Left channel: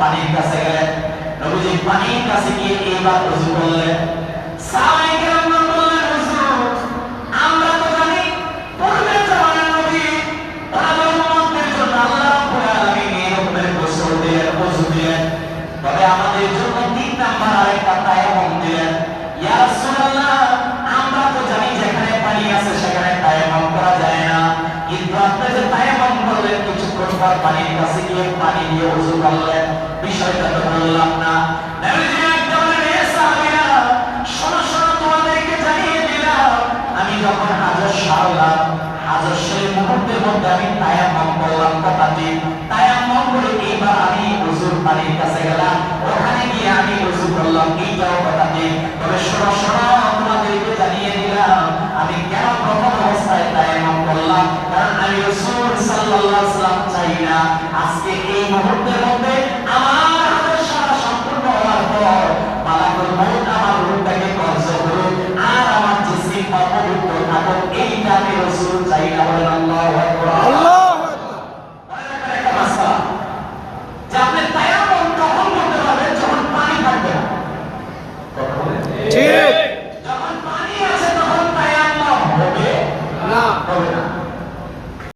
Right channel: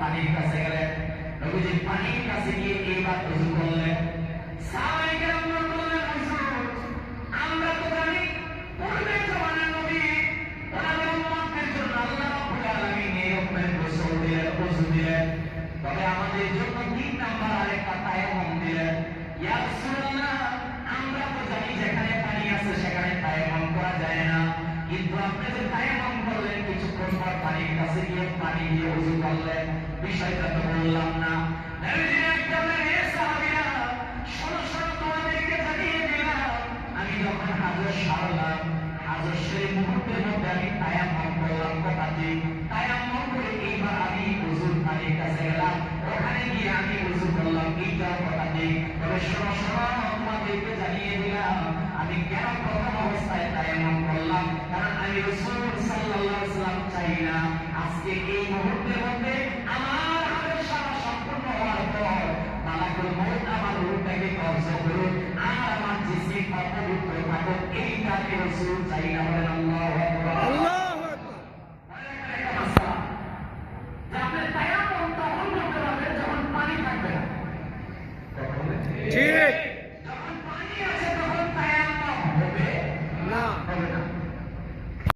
পানির কাছে গেলেন, নবীজি পানির কাছে গিয়ে এইবার ওযু করলেন। সাহাবায়ে কেরাম বললেন, হুজুর আমরা তো জানি পূর্বের জামানার নবী ওনাদের উম্মতদের জন্য আল্লাহ রাব্বুল আলামিন এই রকমের গোসল দিলেন, ওযু দিলেন, তবে আমাদের জন্য 3 নাম্বার আরেকটা তায়াম্মুম দিলেন। ইয়া রাসূলুল্লাহ আমরা তো জানি যেখানে পানি আছে সেখানে তায়াম্মুম করা যায় না, কিন্তু আপনি যে তায়াম্মুম করলেন কিছুক্ষণ পর পানির কাছে গিয়ে পানি দিয়ে ওযু করলেন, বিষয়টা তো বললাম না। নবীজি একদম বললেন, এ সাহাবীরা শোনো শোনো, তোমাদেরকে জানিয়ে দিলাম আমি যখন হাজত সারলাম, হাজত সেই মুহূর্তের মধ্যে আমি তায়াম্মুম করলাম, কথা ঠিক